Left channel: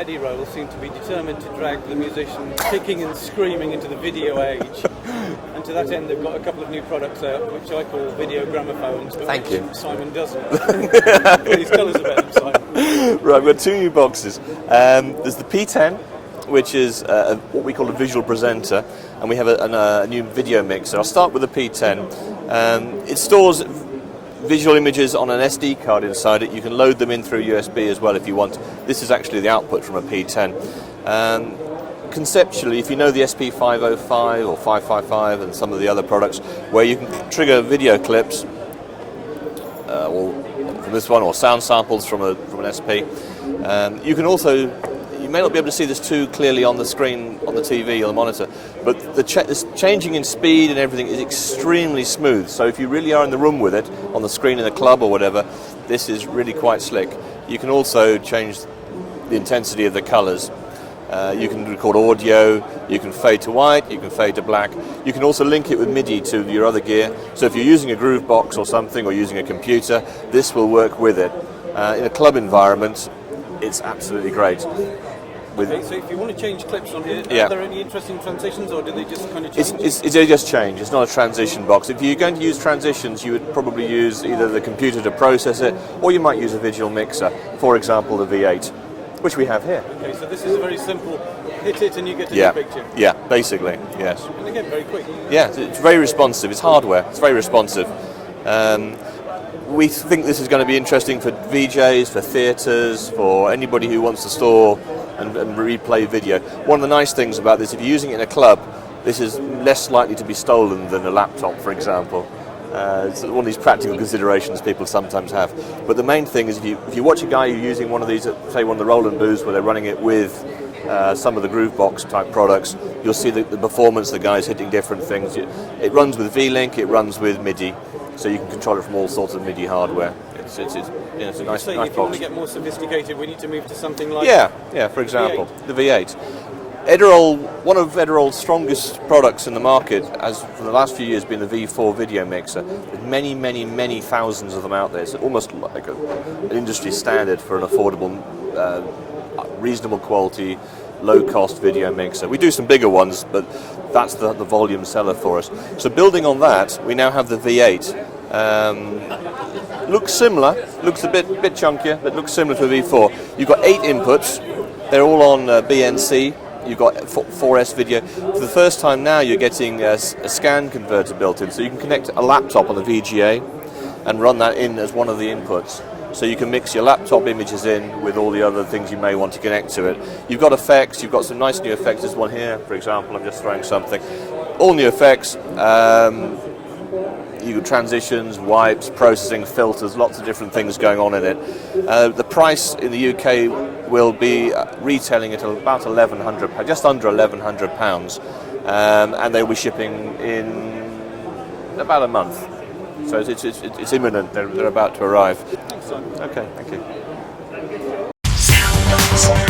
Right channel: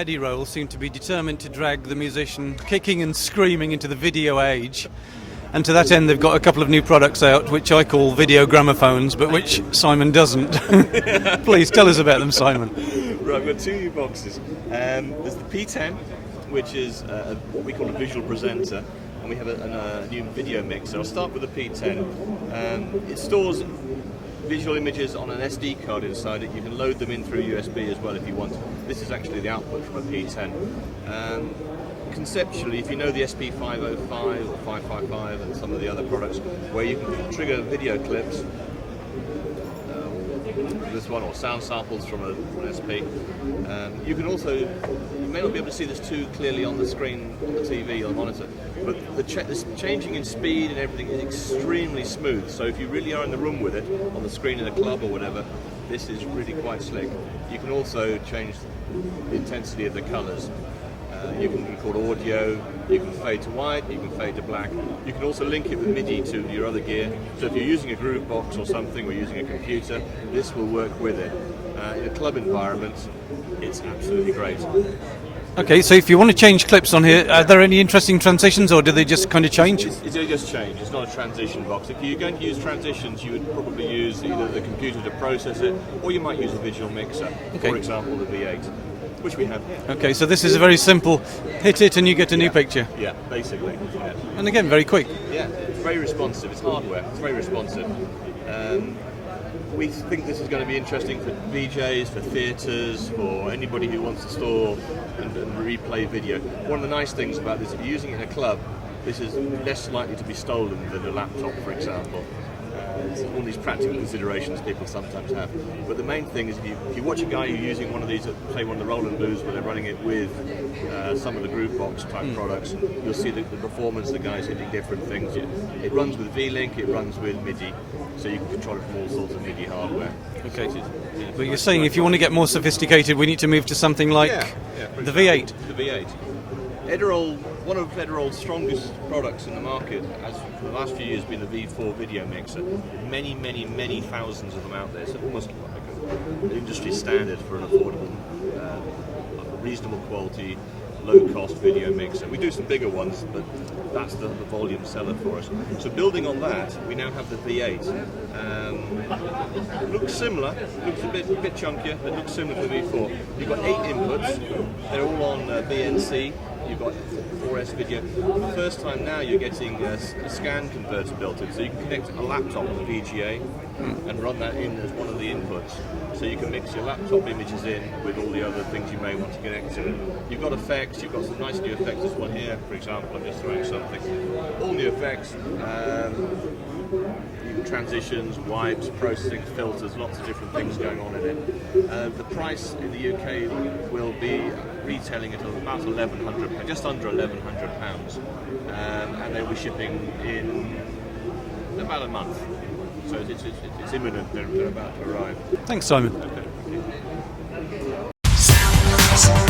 Edirol seem to be determined to drag the musician kicking and screaming into the video age, and to that end they've got a couple of new products out which I call video gramophones, but which Simon doesn't. Please tell us about them, Simon. Right, we've got two new boxes. There's the P-10, which is what we call a visual presenter, and we have a new video mixer. I'll start with the P-10. It stores visual images on an SD card inside it. You can load them in through USB as well if you want. This is actually the output from a P-10. Conceptually, if you know the SP505 or 555 and some of the other products, where you can trigger video clips, or from this one, or sound samples from an SP, you can also. You may not be able to see this too clearly on the screen, on the TV or the monitor, but this changing in speed and everything is extremely smooth. So if you really are in the room with it, on the screen in a club or whatever, this is really quite slick. You can also change the intensity of the colors. You can record audio, you can fade to white, you can fade to black. You can also link it with MIDI to your other gear. So if you're using a groove box or something, or using a computer, this will work with it. In a club environment, it's absolutely great. Okay, so if you want to change clips on here, are there any interesting transitions, or do they just kind of change? They just change. It's not a transition box. If you're going to use transitions, you would probably use either the computer to process it, or you might use a visual mixer, for example the V-8, which we have here. Okay, so this is a very simple, hit it and you get a new picture. Yeah, basically, yes. And again, very quick. Yeah, it's very responsive. It's hardware. It's very responsive. We think this is going to be interesting for VJs, for theatres, for anybody who wants to store and replay video. One of the nice things about this, if you're using it in a club, this is less likely to be stolen than a laptop, for example. It's one of these practical considerations people sometimes have. But the main thing is if you watch a guy who's using one of these, say one of the Roland Blues, where they're running it with some of the Groovebox type products, you'll see the performance, the guy's hitting different things. It runs with V-Link, it runs with MIDI, so you can control it from all sorts of MIDI hardware. So you're saying if you want to get more sophisticated, we need to move to something like for example, the V8. Edirol, one of Edirol's strongest products in the market, has for the last few years been the V4 video mixer. Many, many, many thousands of them out there. It's almost like an industry standard for an affordable, reasonable quality, low-cost video mixer. We do some bigger ones, but that's the volume seller for us. So building on that, we now have the V8. Looks similar, looks a bit chunkier, but looks similar to the V4. You've got 8 inputs. They're all on BNC. You've got 4S video. For the first time now, you're getting a scan converter built in, so you can connect a laptop on the VGA and run that in as one of the inputs. So you can mix your laptop images in with all the other things you may want to connect to it. You've got effects. You've got some nice new effects. There's one here, for example. I'm just throwing something. All new effects. You got transitions, wipes, processing, filters, lots of different things going on in it. The price in the UK will be retailing at about £1,100, just under £1,100, and they'll be shipping in about a month. So it's imminent. They're about to arrive. Thanks, Simon. Okay, thank you.